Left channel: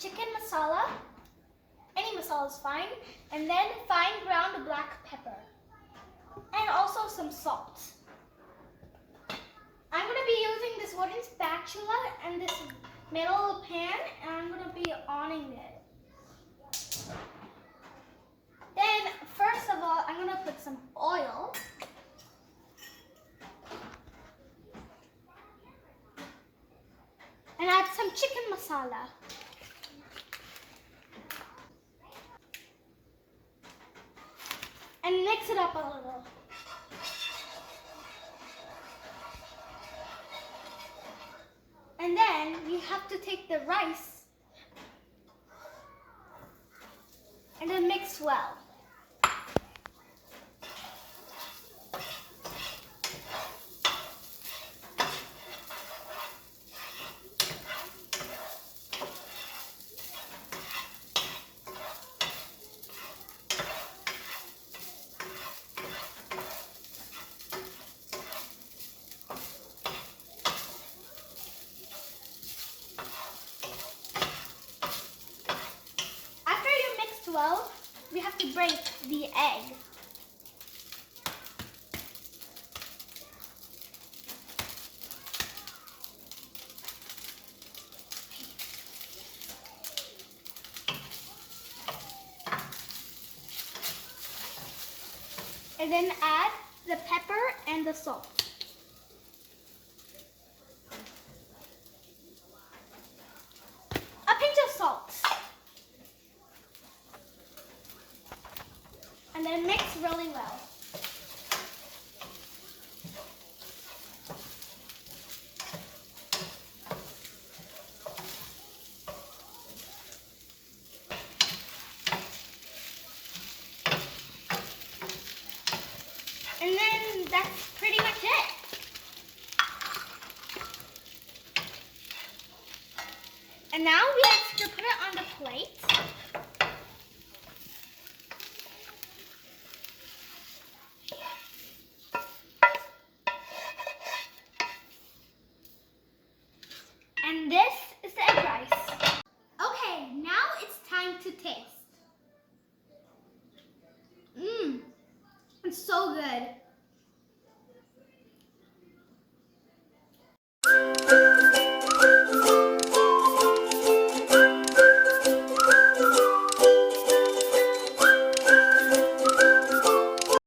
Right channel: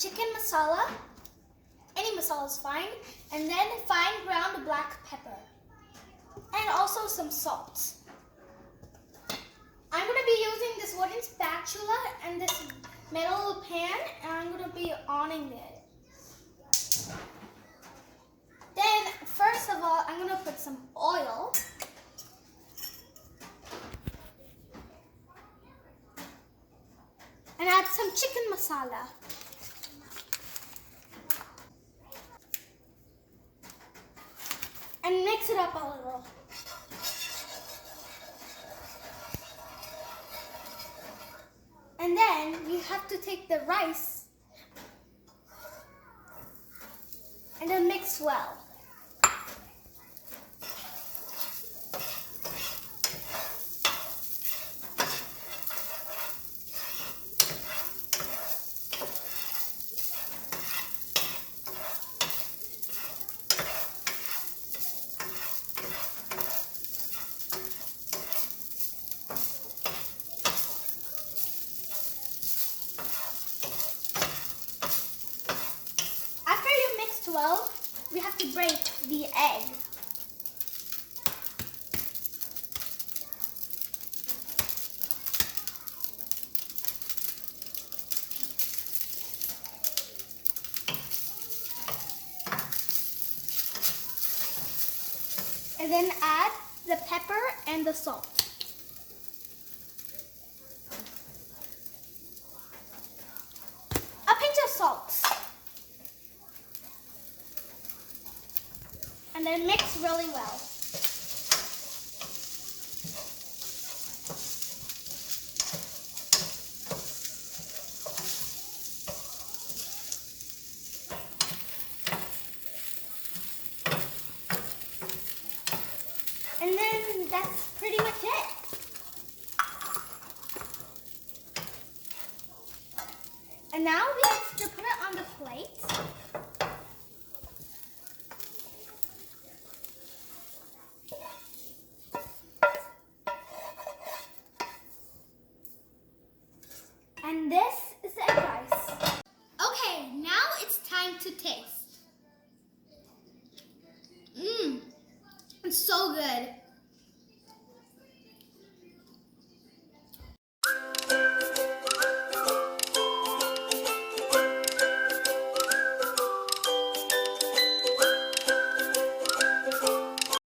chicken masala. Any masala is fine. And then fine ground black pepper. And also some salt. I'm going to be using this wooden spatula and this metal pan, and I'm going to be oning it. Then, first of all, I'm going to put some oil. And add some chicken masala. And mix it up a little. And then you have to take the rice and then mix well. Well, we have to break the egg. And then add the pepper and the salt. A pinch of salt. And then mix really well. And then that's pretty much it. And now we have to put it on the plate. And this is the egg rice. Okay, now it's time to taste. It's so good.